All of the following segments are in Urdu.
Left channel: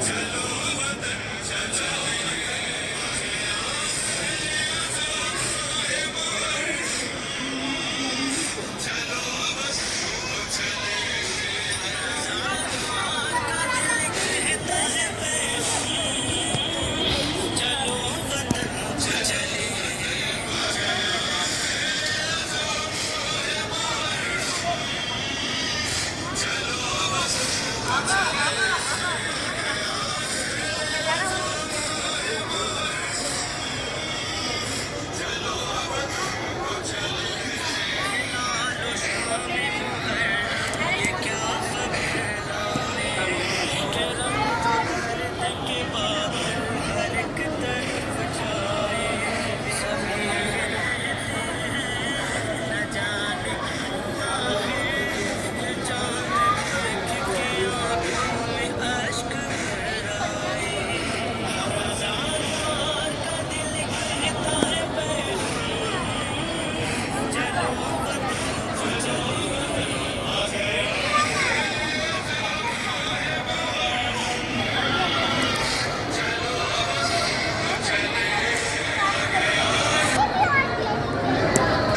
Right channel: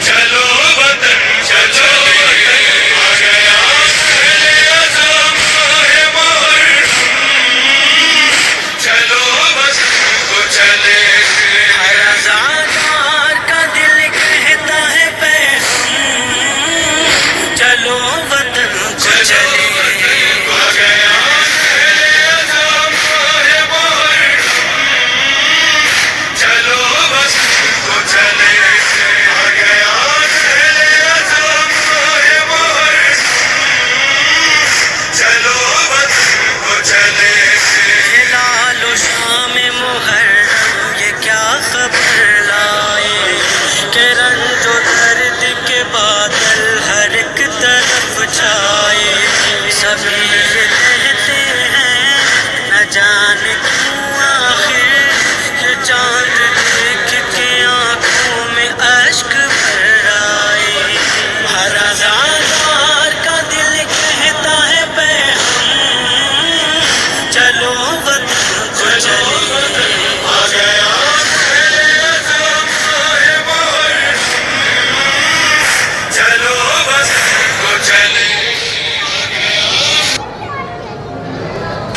چلو وطن چلو آ گیا اعظم ہے محرم چلو وطن کو چلے ہر آزادار کا دل کہتا ہے پیغام چلو وطن کو چلے آ گیا اعظم ہے محرم چلو وطن کو چلے آ گیا اعظم ہے محرم چلو وطن کو چلے ہلال و شام محرم یہ کیا خبر لائے کہ رنج و درد کے بادل ہر ایک طرف چھائے سبھی یہ کہتے ہیں نہ جانے کیوں آخر یہ چاند دیکھ کے آنکھوں میں اشک بھر آئے ہر آزادار کا دل کہتا ہے پیغام چلو وطن کو چلے آ گیا اعظم ہے محرم چلو وطن کو چلے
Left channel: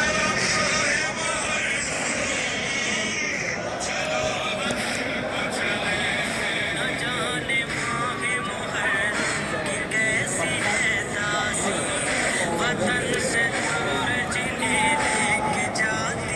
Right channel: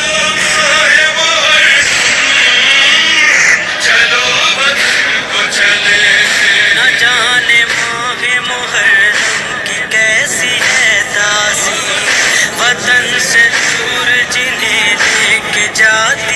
ہے محرم چلو وطن کو چلے نہ جانے ماہ محرم کی کیسی ہے تاثیر وطن سے دور جنہیں لے کے جاتی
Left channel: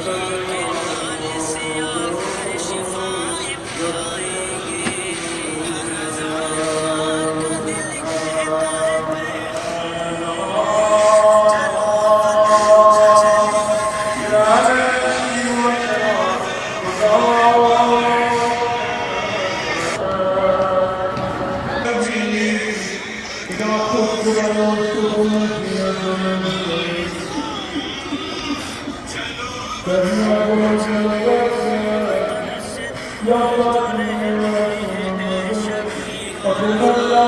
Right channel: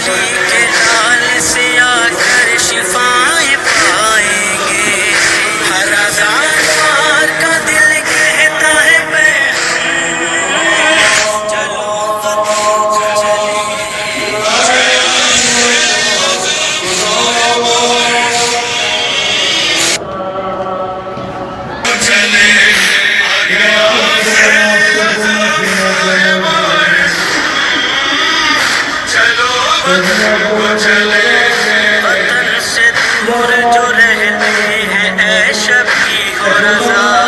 علی کے لال سے آ کر شفائیں پائیں گے ہر آزاد کا دل کہتا ہے میں چلو وطن سے دور جو رہتے ہیں اے شفیع و رضا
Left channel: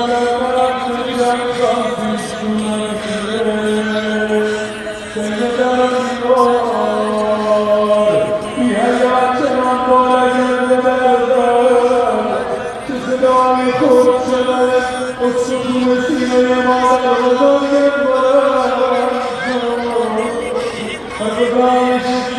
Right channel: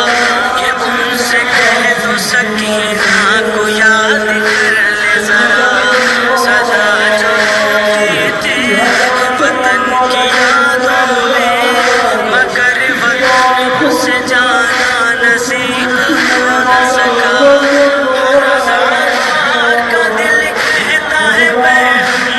کہ ان سے کہہ دو سکینہ کو یاد کر لے ذرا سجا جاتے تھے وطن کی یادوں میں مگر وطن سے جانا نصیب نہ سکا ہر آزاد کا دل کہتا ہے میں